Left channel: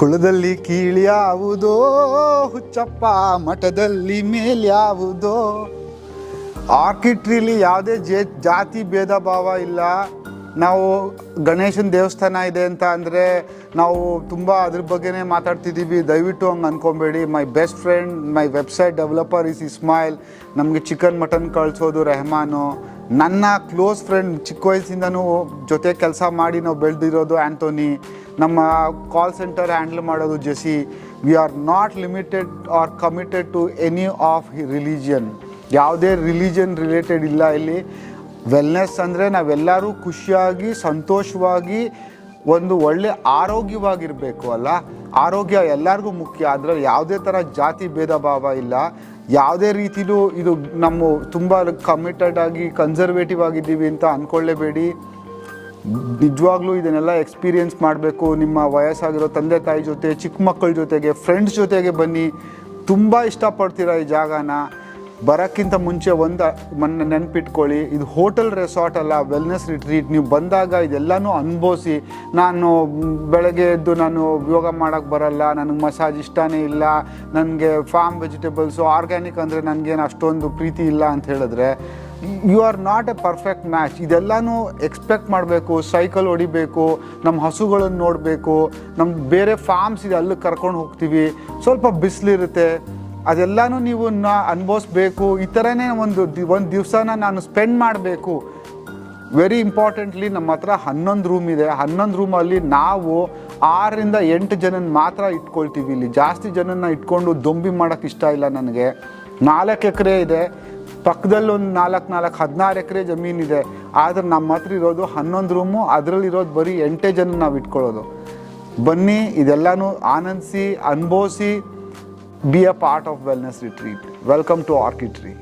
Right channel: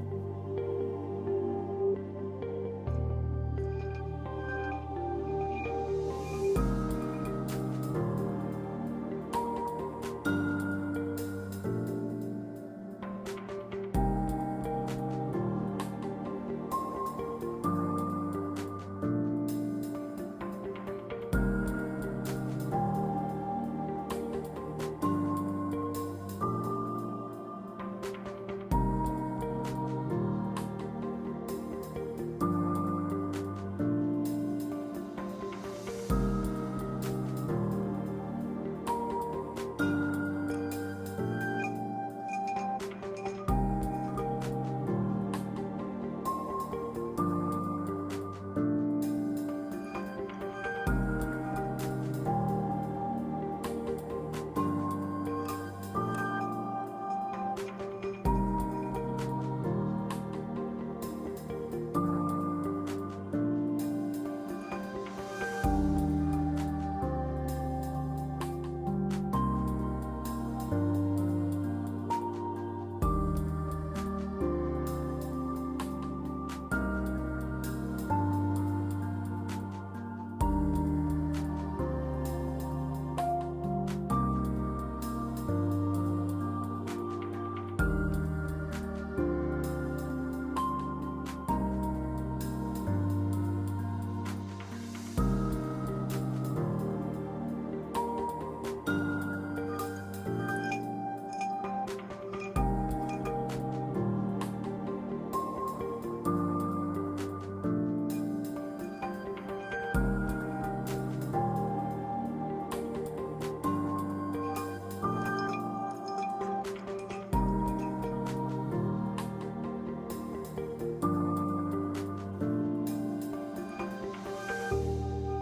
ಕುಳದಲ್ಲಿ ಕೀಳ್ಯಾವುದೋ ಹುಚ್ಚಪ್ಪ, ಮಠದಲ್ಲಿ ಮೇಲ್ಯಾವುದೋ. ಆರ್ಕಿಟ್ರಿಲಿ ಯಾವುದೇ ಜಾತಿ ಭೇದ ಭಾವ ಇಲ್ಲ. ನಾವು ಗಣೇಶನ ದೇವಸ್ಥಾನ ಇದೆ ಅಂತ ಅಂದರೆ ನಾವು ತುಂಬ ಅದ್ರ ಬಗ್ಗೆನೇ ಮಾತಾಡ್ತಿದ್ದೀವಿ, ದಯವಿಟ್ಟು ಹಂಗೆ ಅಂದ್ಕೊಬೇಡಿ. My best friend, my website developer is Ismail. ನಮಗೆ ಚಿಕನ್ ಮಟನ್ ಕಳಿಸೋದು ರೆಹಮಾನು. ನನ್ನ ಕ್ಲೋಸ್ ಫ್ರೆಂಡ್, ಚಿಕ್ಕ ವಯಸ್ಸಿಂದನೂ ಜೊತೆ ಕೆಲಸ ಮಾಡಿ ನಾವು ಬೆಳೆದಿರೋದು ಆ್ಯಂಟೋನಿ. ನಮ್ಮ ಕಾಲ್ ಸೆಂಟರ್ ಹ್ಯಾಂಡಲ್ ಮಾಡೋದು JC. We are not limited or committed to any of religion. ಯಾವುದೇ ರಿಲಿಜನ್ ರಿಲೇಟೆಡ್ ಇಲ್ಲ ಇಲ್ಲಿ. ವೆಲ್ನೆಸ್ ಅಂದರೆ ನಾವೆಲ್ಲರೂ ಖುಷಿಯಾಗಿ ಸಂತೋಷವಾಗಿ ಒಂದು ಒಳ್ಳೆ ಆರೋಗ್ಯವಾಗಿರಬೇಕು ಅಲ್ಲ. ಆರೋಗ್ಯ ಎಲ್ಲರಿಗೂ ಮುಖ್ಯ. ಅದರಲ್ಲಿ ಯಾವುದೇ ಥರ ಜಾತಿ ಭೇದ ಭಾವ ಇಲ್ಲ. ಯಾವುದೇ ರೀತಿಲೂ ಇದು ನಮ್ಮ ತುಂಬ ಕಮಿಟೆಡ್ ಆಗಿ ಕನ್ಸರ್ವೇಟಿವ್ ಆಗಿದ್ದೀವಿ ಅಂತ ಅಂದ್ಕೊಳ್ಳೇಬೇಡಿ. ನಿಜವಾಗ್ಲೂ ಇದನ್ನೆಲ್ಲ ಎಕ್ಸ್ಪೀರಿಯೆನ್ಸ್ ಮಾಡಬೇಕು. ನಿಮ್ಮ ವಯಸ್ಸಾಗಿರೋ ತಂದೆ ತಾಯಿ ಜೊತೆ, ಚಿಕ್ಕ ಮಕ್ಕಳ ಜೊತೆಗೆ, ಫ್ರೆಂಡ್ಸ್ ಜೊತೆಗೆ ಬನ್ನಿ. ತುಂಬ ಇಷ್ಟಪಡ್ತೀರಾ ಈ ಜಾಗನ. ಬರೋಕ್ಕಿಂತ ಮುಂಚೆ ಮೊನ್ನೆ ನೆನ್ಪಿಟ್ಕೊಳ್ಳಿ, ಇದು ಹೋಟೆಲ್ ರೆಸಾರ್ಟ್ ಅಲ್ಲ, ವೆಲ್ನೆಸ್ ರಿಟ್ರೀಟ್. ನೀವು ಬಂದಾಗ ಇದೆಲ್ಲನೂ ಅನುಭವಿಸಿ. ನಾನು ಬೆಳಗ್ಗೆ ಎದ್ದು ನಾನು ಯೋಗ ಮಾಡೋಕ್ಕೆ ಬರಲ್ಲ, ನನಗೆ ಮಸಾಜ್ ಇಷ್ಟನೇ ಇಲ್ಲ, ನನಗೆ ಫಾರ್ಮ್ ವೆಜಿಟೇಬಲ್ಸು ಆರ್ಗ್ಯಾನಿಕ್ ಅಂದರೆ ನನಗೇನು ಅಷ್ಟೊಂದು ಪ್ರೀತಿ ಇಲ್ಲ ಅಂತ ಹೇಳಿದ್ರೆ you are not a perfect match. ಇದೆಲ್ಲನೂ ಎಕ್ಸ್ಪೆಕ್ಟ್ ಮಾಡಬೇಕು. ಸೈಕಲ್ ಹೊಡಿಬೇಕು, ನಮ್ಮ ಹಸುಗಳನ್ನು ನೋಡಬೇಕು, ನಮ್ಮ ಬೇರೆ ಫಾರ್ಮ್ಸ್ ಇದೆ ಅಲ್ಲಿಗೆ ಕರ್ಕೊಂಡು ಹೋಗ್ತೀವಿ. ಸ್ವಲ್ಪ ಬಿಸಿಲಿರುತ್ತೆ, ಅದೆಲ್ಲನೂ ನೀವು ಅನುಭವಿಸ್ಬೇಕು. ಈ ಥರನೇ ಒಂದು ದಿವಸನ ನಾನು ಸ್ಪೆಂಡ್ ಮಾಡಬೇಕು. ವೆರಿ ಇಂಪಾರ್ಟೆಂಟ್ಲಿ ನಮ್ಮ ಹತ್ರ 11 ರೂಮ್ ಇದೆ. 11 ರೂಮಲ್ಲಿ ನಾವು 6 ರಿಂದ 8 ಜನನ ಮಾತ್ರ ಇಟ್ಕೊಳ್ತೀವಿ. ಇಲ್ಲಿ ಜಾಸ್ತಿ ಜನನ ಇಟ್ಕೊಂಡು ದೊಂಬಿ ಮಾಡೋಕ್ಕೆ ಇಷ್ಟ ಇಲ್ಲ ನನಗೆ. 4 ಎಕರೆ ಇದೆ, ಪಕ್ಕದಲ್ಲಿ ಒಂದು 16 ಎಕರೆ ಜಮೀನಿದೆ. ಆದರೆ ನಮ್ಮ ಹತ್ರ ಇರೋದು 11 ರೂಮು, ಅದರಲ್ಲಿರೋದು ಬರೀ 8 ಜನ ನಾವು ಇಟ್ಕೊಳ್ಳೋದು. ಬನ್ನಿ, ಇದೆಲ್ಲನೂ ಆನಂದಿಸಿ, ಅನುಭವಿಸಿ. Be a part of Wellness Retreat. Welcome to Orchid Tree.